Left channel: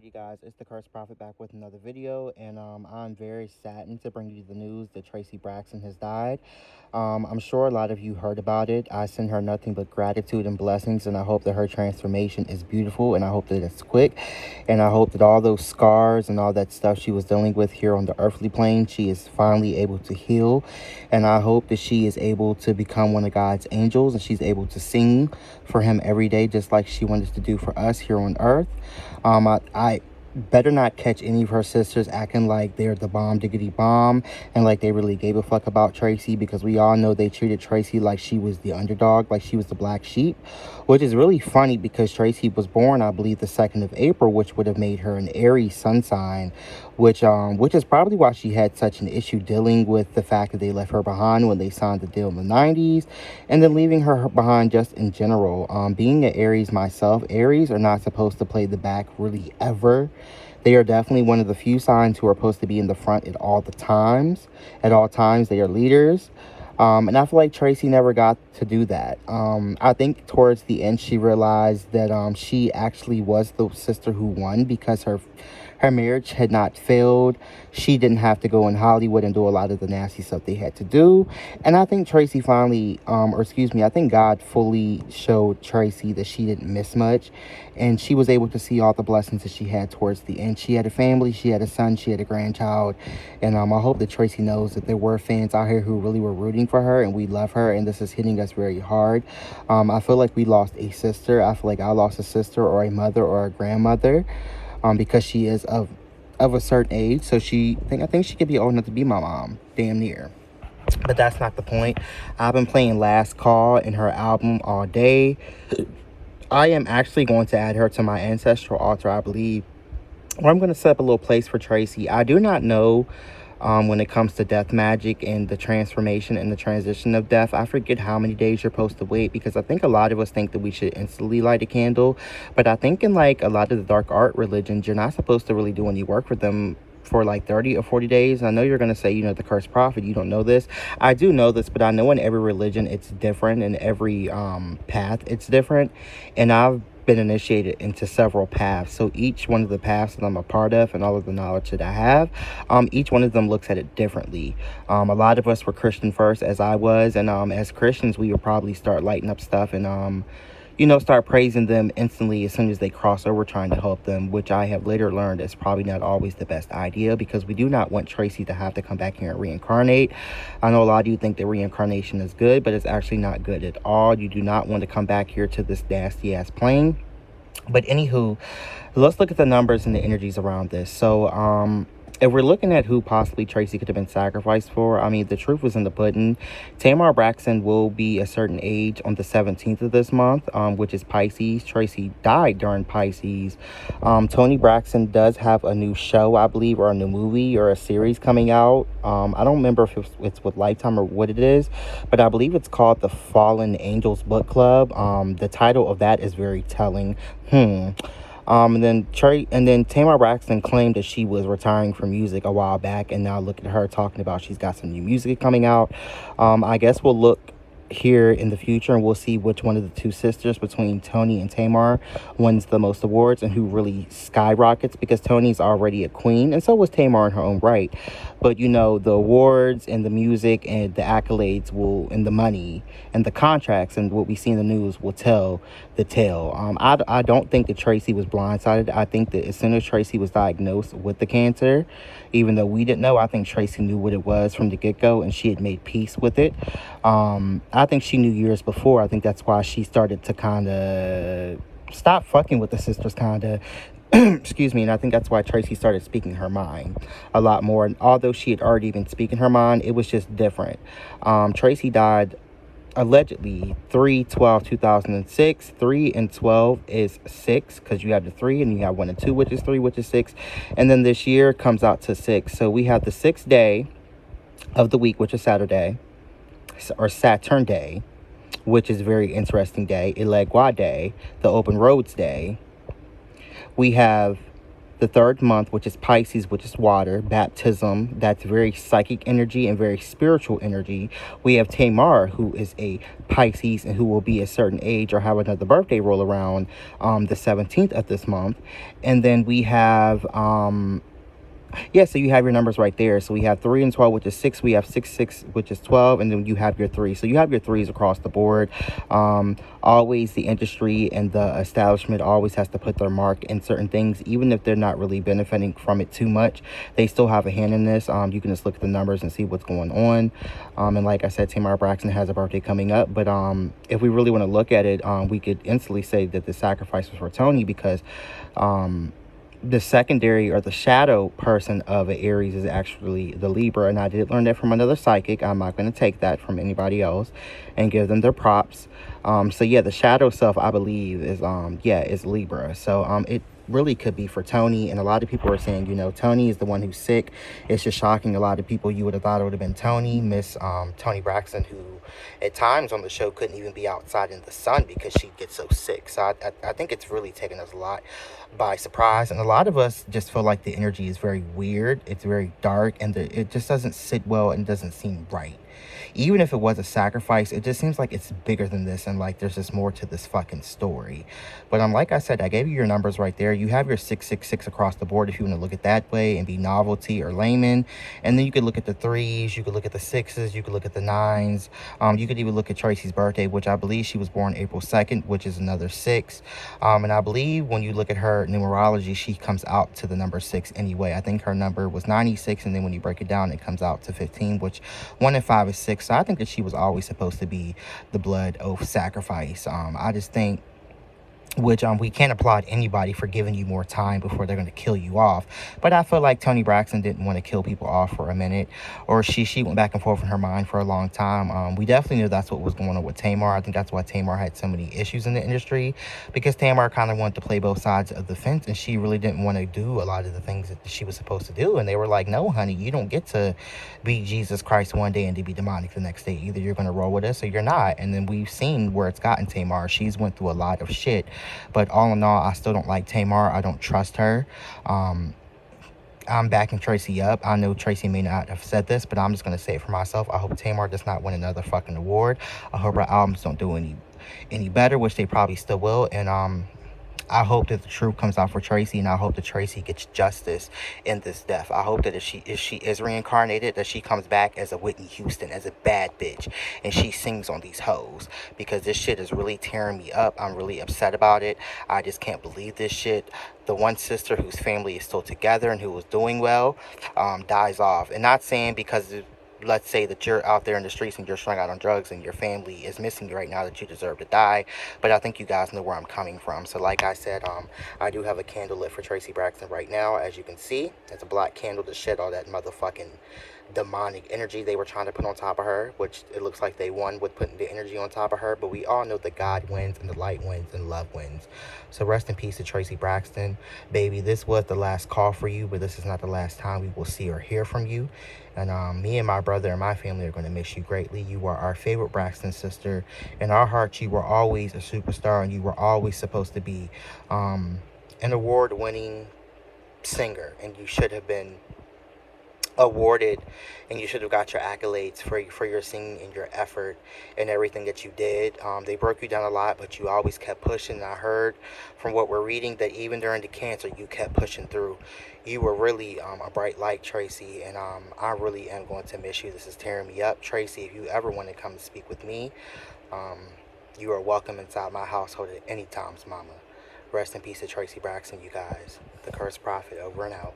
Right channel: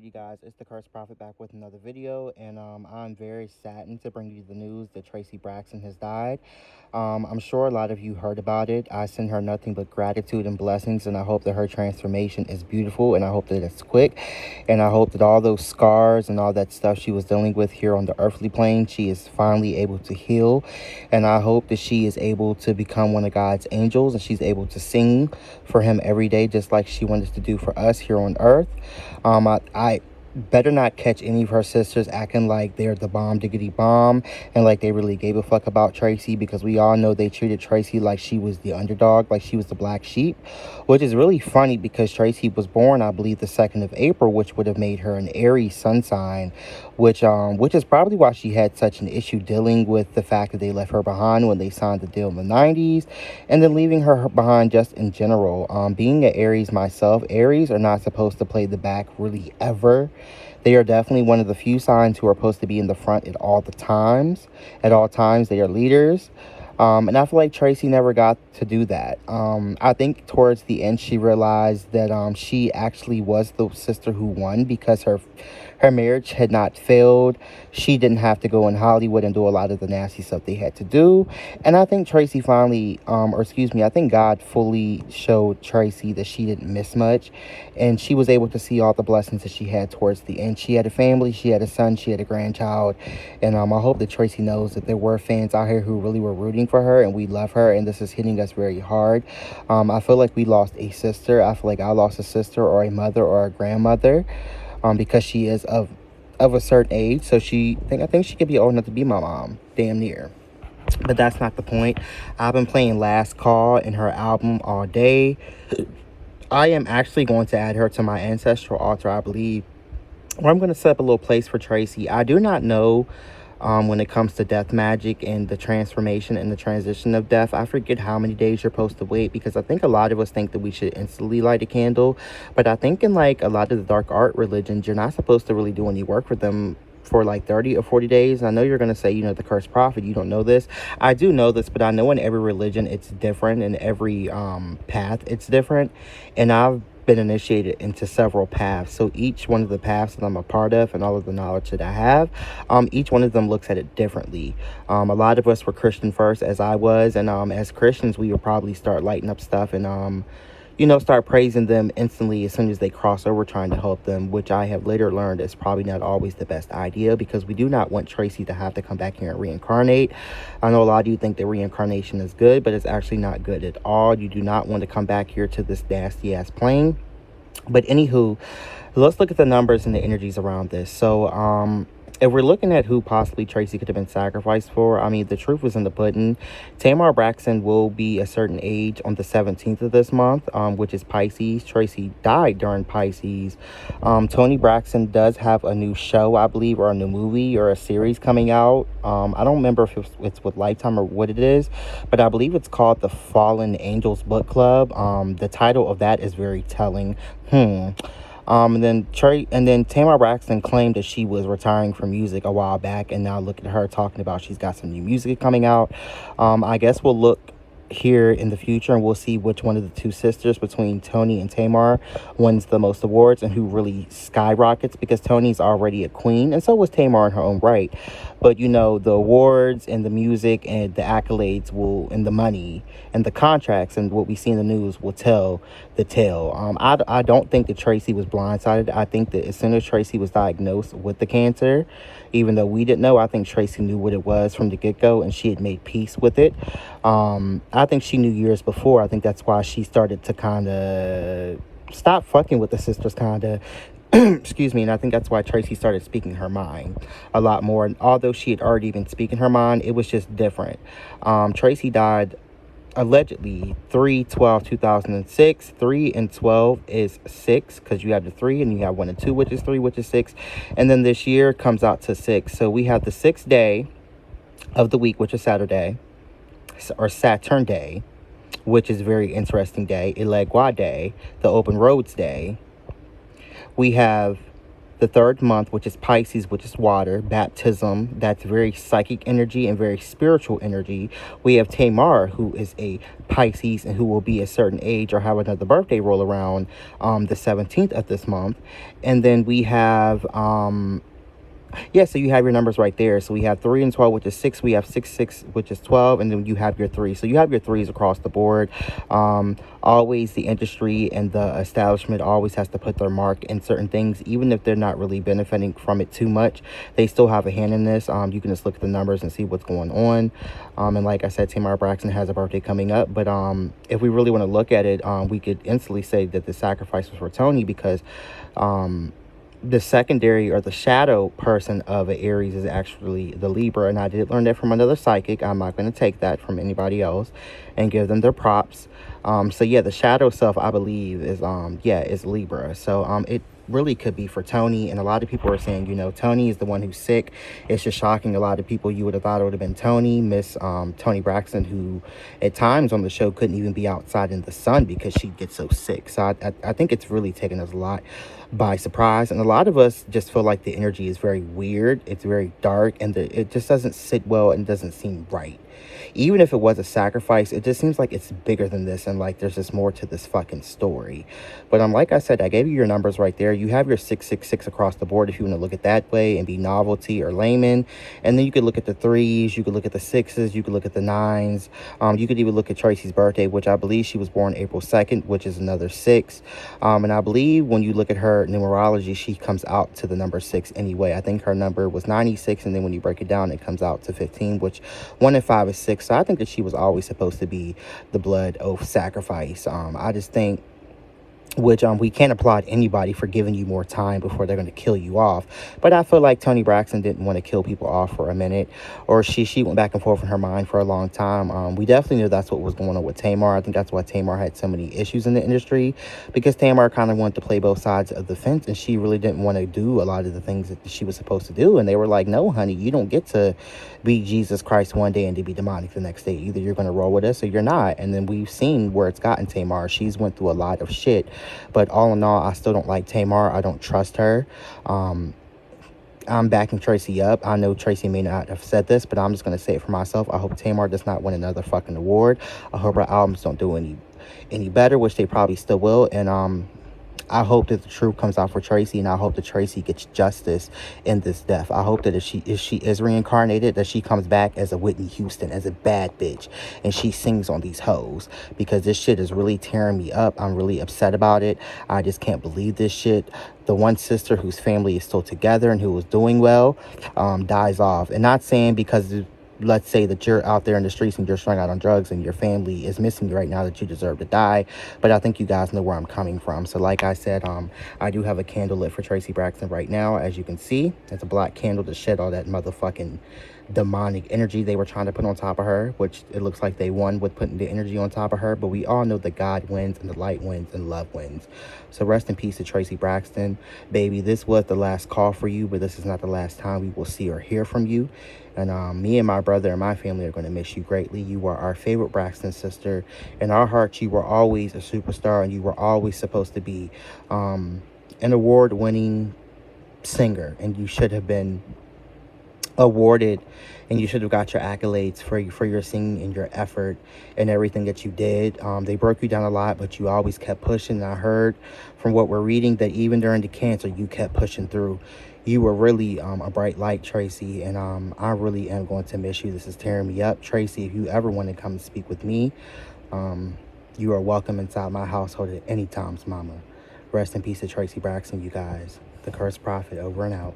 Alrighty guys, it's the Curse Prophet back with another video, and I'm very saddened to bring you the news that Traci Braxton has died. I'm sure a lot of you heard about it. I send her nothing but gratitude and blessings, and I hope that her transformation is beautiful, and I hope that it's quick, and I hope that all those scars and all that stuff she was dealing with here on the earthly plane, she is finally able to heal, and I hope that she is able to become one of God's angels, and she's able to sing for him every day, just like she wanted to do for us here on earth. I better not catch any of her sisters acting like they're the bomb diggity bomb and like they really gave a fuck about Traci, because we all know they treated Traci like she was the underdog, like she was the black sheep, which is really funny because Traci was born, I believe, the 2nd of April, which would have made her an Aries sun sign, which is probably why she had such an issue dealing with the fact that they left her behind when they signed the deal in the 90s, and then leaving her behind just in general. Being an Aries myself, Aries are not supposed to play the back really ever. They are definitely one of the few signs who are supposed to be in the front at all times. At all times, they are leaders. And I feel like Traci never got to do that. I think towards the end, she realized that she actually was the sister who won because her marriage had not failed. She didn't have to go in Hollywood and do a lot of the nasty stuff they had to do. And I think Traci finally, I think God fully showed Traci that she didn't miss much. And she was able to see all the blessings that she had towards the end. She had a family, she had a son, she had a grandchild. And I hope that Traci knows that there were fans out here who really were rooting for her, and we love her, and this is hitting us very hard. I feel like we lost a sister. I feel like I lost a sister or a mother or a grandmother. Because she is of a certain age, so I think she could be old enough to be my mom, damn near. But that's not the point. I've been playing Last Call in her album all day. I am actually going to add her to my ancestral altar, I believe. Or I'm going to set up a little place for Traci. I do not know when it comes to death magic and the transformation and the transition of death. I forget how many days you're supposed to wait, because I think a lot of us think that we should instantly light a candle. But I think in like a lot of the dark art religions, you're not supposed to really do any work for them for like 30 or 40 days. And I know you're going to say, the Cursed Prophet, you don't know this. I do know this, but I know in every religion it's different, and every path it's different. And I've been initiated into several paths, so each one of the paths that I'm a part of and all of the knowledge that I have, each one of them looks at it differently. A lot of us were Christian first, as I was, and as Christians we would probably start lighting up stuff and start praising them instantly as soon as they cross over, trying to help them, which I have later learned is probably not always the best idea, because we do not want Traci to have to come back here and reincarnate. I know a lot of you think that reincarnation is good, but it's actually not good at all. You do not want to come back here to this nasty ass plane. But anywho, let's look at the numbers and the energies around this. So if we're looking at who possibly Traci could have been sacrificed for, I mean, the truth was in the pudding. Traci Braxton will be a certain age on the 17th of this month, which is Pisces. Traci died during Pisces. Traci Braxton does have a new show, I believe, or a new movie or a series coming out. I don't remember if it's with Lifetime or what it is, but I believe it's called The Fallen Angels Book Club. The title of that is very telling. And then Traci Braxton claimed that she was retiring from music a while back, and now look at her talking about she's got some new music coming out. I guess we'll look here in the future and we'll see which one of the two sisters between Toni and Tamar wins the most awards and who really skyrockets, because Toni's already a queen and so was Tamar in her own right. But the awards and the music and the accolades and the money and the contracts and what we see in the news will tell the tale. I don't think that Traci was blindsided. I think that as soon as Traci was diagnosed with the cancer, even though we didn't know, I think Traci knew what it was from the get-go, and she had made peace with it. I think she knew years before. I think that's why she started to kind of stop fucking with the sisters, kind of. Excuse me. And I think that's why Traci started speaking her mind a lot more. And although she had already been speaking her mind, it was just different. Traci died allegedly 3/12/2006. 3 and 12 is 6, because you have the 3 and you have 1 and 2, which is 3, which is 6. And then this year comes out to 6. So we have the 6th day of the week, which is Saturday, or Saturn Day, which is a very interesting day. Elegua Day, the Open Roads Day. We have The third month, which is Pisces, which is water, baptism, that's very psychic energy and very spiritual energy. We have Tamar, who is a Pisces and who will be a certain age or have another birthday roll around the 17th of this month. And then we have yeah, so you have your numbers right there. So we have 3 and 12, which is 6. We have 6, 6, which is 12. And then you have your 3. So you have your 3s across the board. Always the industry and the establishment always has to put their mark in certain things. Even if they're not really benefiting from it too much, they still have a hand in this. You can just look at the numbers and see what's going on. And like I said, Traci Braxton has a birthday coming up. But if we really want to look at it, we could instantly say that the sacrifice was for Tony because the secondary or the shadow person of an Aries is actually the Libra. And I did learn that from another psychic. I'm not going to take that from anybody else and give them their props. So yeah, the shadow self, I believe, is is Libra. So it really could be for Tony. And a lot of people are saying, you know, Tony is the one who's sick. It's just shocking. A lot of people, you would have thought it would have been Tony, Miss Traci Braxton, who at times on the show couldn't even be outside in the sun because she'd get so sick. So I think it's really taken us a lot by surprise. And a lot of us just feel like the energy is very weird. It's very dark and it just doesn't sit well and doesn't seem right. Even if it was a sacrifice, it just seems like it's bigger than this and like there's just more to this fucking story. But like I said, I gave you your numbers right there. You have your 666 across the board if you want to look at that way and be novelty or layman. And then you could look at the 3s, you could look at the 6s, you could look at the 9s. You could even look at Tracy's birthday, which I believe she was born April 2nd, which is another 6. And I believe when you look at her numerology, she comes out to the number 6 anyway. I think her number was 96, and then when you break it down, it comes out to 15, which 1 and 5 is 6. So I think that she was always supposed to be the blood oath sacrifice. I just think, which we can't applaud anybody for giving you more time before they're going to kill you off. But I feel like Traci Braxton didn't want to kill people off for a minute, or she went back and forth in her mind for a long time. We definitely knew that's what was going on with Tamar. I think that's why Tamar had so many issues in the industry, because Tamar kind of wanted to play both sides of the fence, and she really didn't want to do a lot of the things that she was supposed to do. And they were like, no, honey, you don't get to be Jesus Christ one day and to be demonic the next day. Either you're going to roll with us or you're not. And then we've seen where it's gotten Tamar. She's went through a lot of shit. But all in all, I still don't like Tamar. I don't trust her. I'm backing Tracy up. I know Tracy may not have said this, but I'm just going to say it for myself. I hope Tamar does not win another fucking award. I hope her albums don't do any better, which they probably still will. And I hope that the truth comes out for Tracy, and I hope that Tracy gets justice in this death. I hope that if she is reincarnated, that she comes back as a Whitney Houston, as a bad bitch, and she sings on these hoes, because this shit is really tearing me up. I'm really upset about it. I just can't believe this shit. The one sister whose family is still together and who was doing well dies off. And not saying because let's say that you're out there in the streets and you're strung out on drugs and your family is missing you right now that you deserve to die. But I think you guys know where I'm coming from. So like I said, I do have a candle lit for Traci Braxton right now. As you can see, it's a black candle to shed all that motherfucking demonic energy they were trying to put on top of her, which it looks like they won with putting the energy on top of her. But we all know that God wins and the light wins and love wins. So rest in peace to Traci Braxton. Baby, this was the last call for you, but this is not the last time we will see or hear from you. And me and my brother and my family are going to miss you greatly. You were our favorite Braxton sister. In our hearts, you were always a superstar, and you were always supposed to be an award-winning singer. And you should have been awarded, and you should have got your accolades for your singing and your effort and everything that you did. They broke you down a lot, but you always kept pushing. And I heard from what we're reading that even during the cancer, you kept pushing through. You were really a bright light, Tracy, and I really am going to miss you. This is tearing me up. Tracy, if you ever want to come and speak with me, you are welcome inside my household at any time, mama. Rest in peace to Traci Braxton, you guys. The Cursed Prophet, over and out.